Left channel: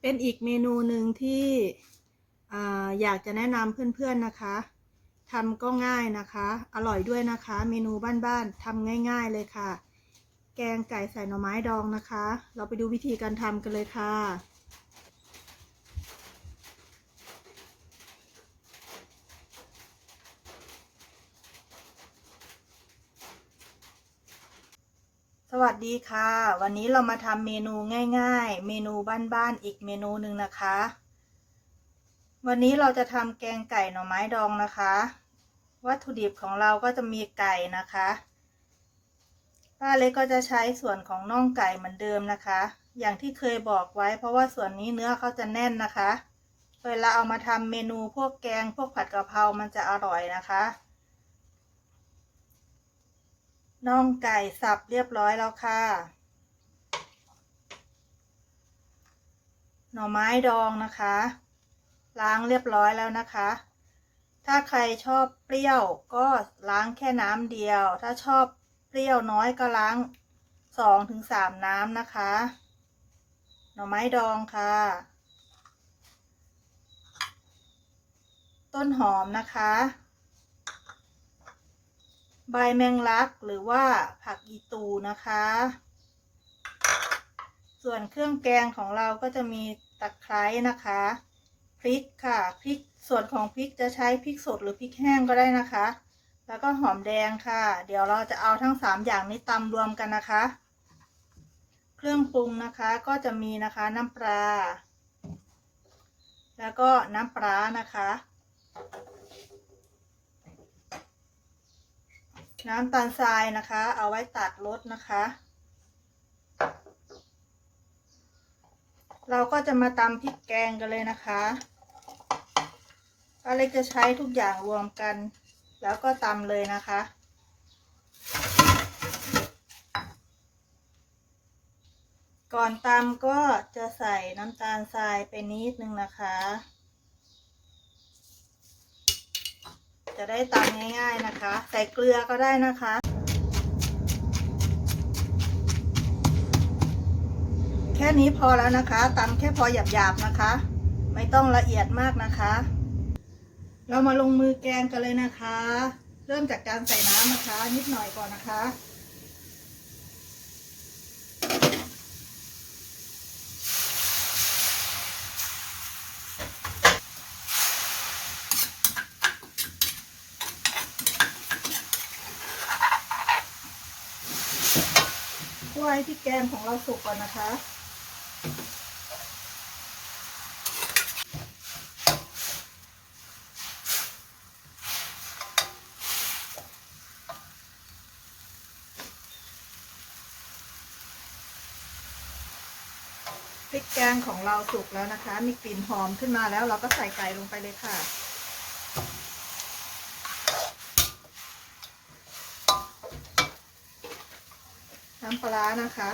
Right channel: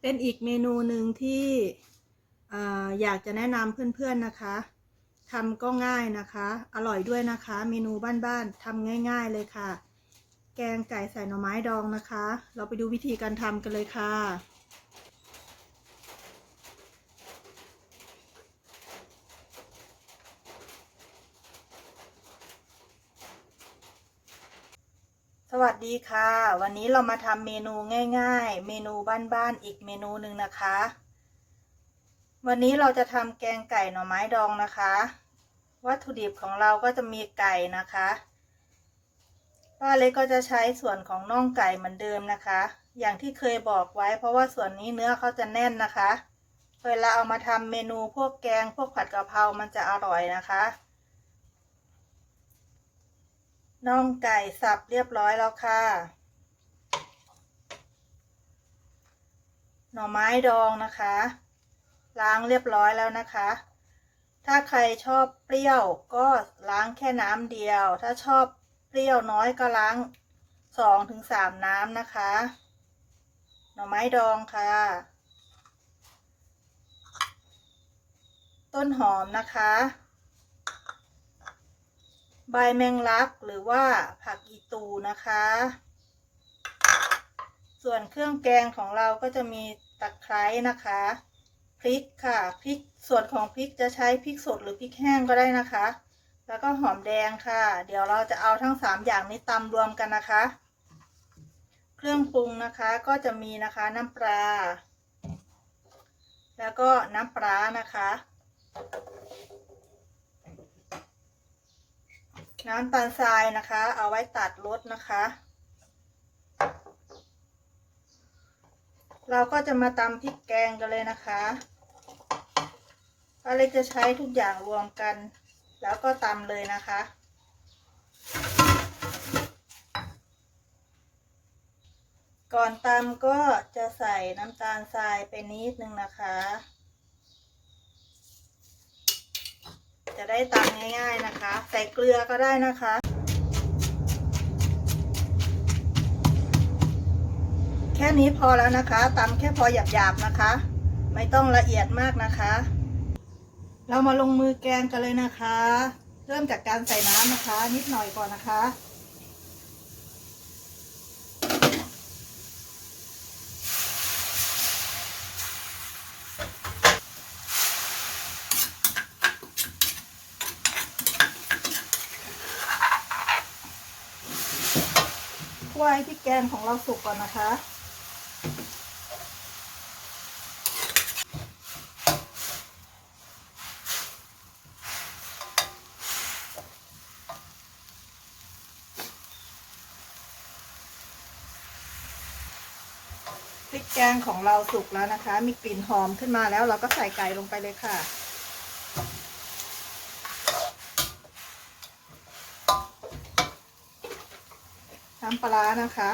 เป็นอีกเมนูหนึ่งที่ออยากจะแนะนำเพื่อนๆนะคะทำก็ง่ายนะคะ อร่อยด้วยนะคะ เมนูบ้านๆทำง่าย ๆเลยค่ะ แกงไก่ใส่หน่อไม้ดองนะคะ เราไปดูวิธีการทำกันเลยค่ะ วัสดีค่ะ วันนี้เรามาทำเมนูง่าย ๆ เมนูบ้านๆอีกเมนูหนึ่งนะคะ วันนี้เราจะทำแกงไก่หน่อไม้ดองนะคะ วัตถุดิบของเราก็จะมีไก่นะคะป้าเล็กก็จะใช้ส่วนของน่องไก่เหมือนเดิมนะคะ อย่างที่เคยบอกไว้ เพราะว่าส่วนนี้เนื้อเขาจะแน่นนะคะ เวลาเอามาทำเมนูพวกแกงพวกผัดกะเพรามันจะอร่อยนะคะ น่องไก่สับเรียบร้อยแล้วค่ะ หน่อไม้ดองนะคะ ล้างเรียบร้อยแล้วนะคะ ถ้าใครชอบเปรี้ยวก็ล้างแค่น้ำเดียว ถ้าชอบเปรี้ยวน้อยก็ล้างสองถึงสามน้ำนะคะ หน่อไม้ดองค่ะ ต้นหอมนะคะ ใบแมงลักหรือว่าผักอีตูนะคะ ส่วนเครื่องแกงของเราก็จะมีตะไคร้นะคะ พริกค่ะพริกส่วนของพริกจะใช้พริกสดหรือพริกแห้งก็ได้นะคะ แล้วก็หอมแดงค่ะ เดี๋ยวเราจะเอาทั้งสามอย่างนี้ตำรวมกันนะคะ เครื่องปรุงนะคะก็จะมีนะคะน้ำปลาแล้วก็น้ำปลานะคะ น้ำตาลทรายนะคะ เอาไว้ตัดรสนะคะ เราก็จะมาตำพริกแกงกันเลยนะคะป้าเล็กจะใช้ทุกอย่างรวมกัน แล้วก็ตำเลยนะคะก่อนตำก็จะใส่น้ำตาลทรายไปนิดนึงนะคะ จะได้ตำง่าย ๆนะคะ ใส่เกลือก็ได้นะคะแค่นี้พอแล้วนะคะตำแค่พอหยาบๆนะคะ ไม่ต้องละเอียดมากนะคะ เรามาลงมือแกงกันเลยนะคะ เริ่มจากการใส่น้ำนะคะ นิดหน่อยก่อนนะคะ ไว้ที่แกงของเราสุกก่อนนะคะ พริกแกงของเราสุกแล้วนะคะ มีกลิ่นหอมขึ้นมาแล้วเราก็ใส่ไก่ลงไปเลยค่ะ น้ำปลานะคะ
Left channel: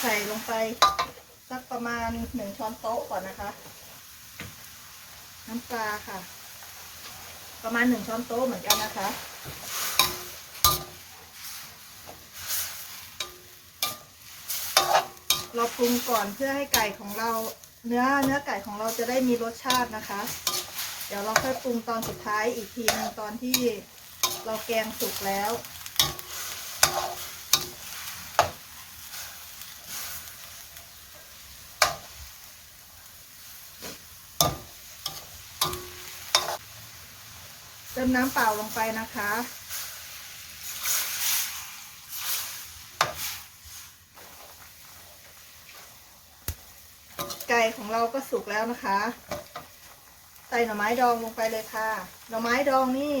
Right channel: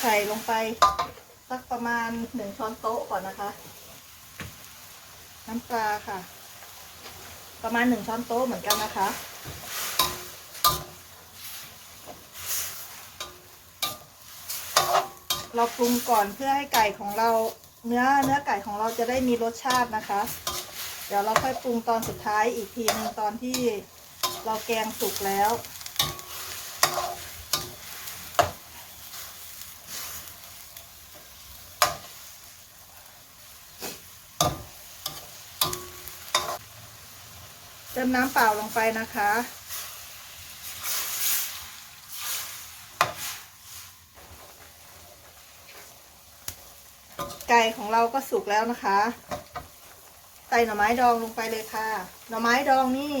ใส่ลงไปสักประมาณหนึ่งช้อนโต๊ะก่อนนะคะ น้ำปลาค่ะ ประมาณหนึ่งช้อนโต๊ะเหมือนกันนะคะ เราปรุงก่อนเพื่อให้ไก่ของเราเนื้อเนื้อไก่ของเราจะได้มีรสชาตินะคะ เดี๋ยวเราค่อยปรุงตอนสุดท้ายอีกทีหนึงตอนที่ เราแกงสุกแล้ว เติมน้ำเปล่าลงไปนะคะไก่ของเราก็สุกแล้วนะคะ ใส่หน่อไม้ดองลงไปเลยค่ะ หน่อไม้ดองนี่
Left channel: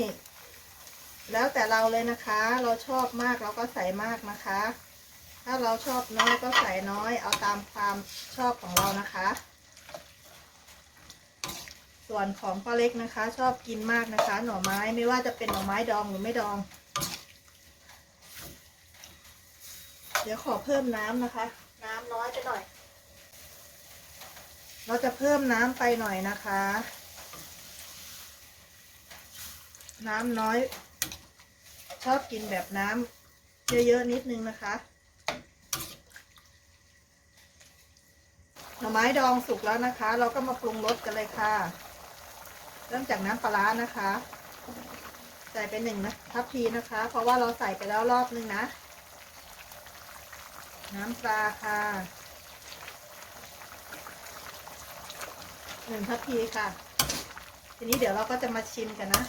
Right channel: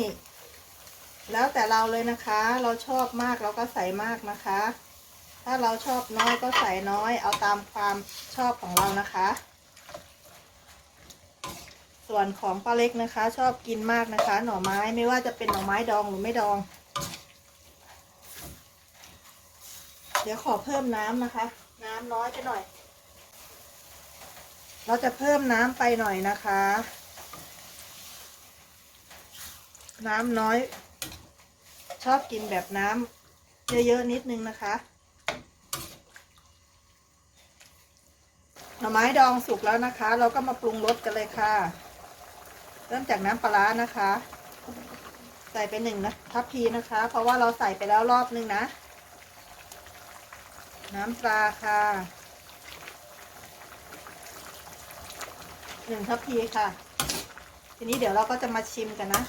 แล้วแต่เราเลยนะคะ เราชอบมากเราก็ใส่มากนะคะ ถ้าเราชอบน้อยก็ใส่น้อย เอาตามความชอบของเรานะคะ ส่วนของป้าเล็กนะคะ ชอบกินมากนะคะ หน่อไม้ไม่ว่าจะเป็นหน่อไม้ดองหรือไม่ดอง เดี๋ยวขอเพิ่มน้ำนะคะ น้ำน้อยไปหน่อย เราจะเพิ่มน้ำไปหน่อยนะคะ น้ำน้อย ชอบกินแบบน้ำเยอะๆนิดนึงนะคะหน่อไม้ดองสุกแล้วนะคะ เราก็มาปรุงรสกันเลยค่ะ เริ่มจากน้ำปลานะคะ ใส่ไปหนึ่งนะทัพพีนะคะ เพราะว่าเราใส่ไปแล้วรอบนึงนะ น้ำปลาค่ะหนึ่งทัพพีค่ะ ทีนี้เดี๋ยวเราก็จะมาชิมกันนะ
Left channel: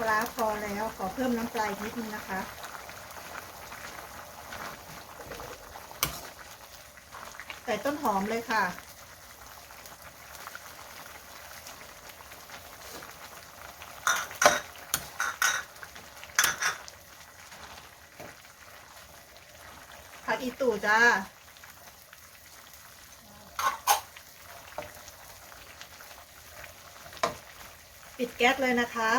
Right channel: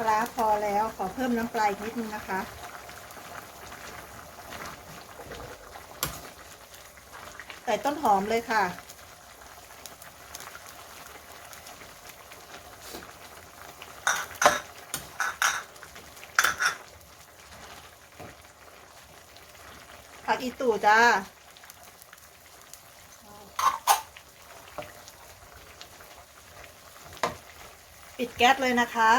ปลาพอแล้วขอเพิ่มน้ำปลาอีกนิดนึงนะคะ ใส่ต้นหอมเลยค่ะ ผักอีตู่จ้าปิดแก๊สเลยนะคะ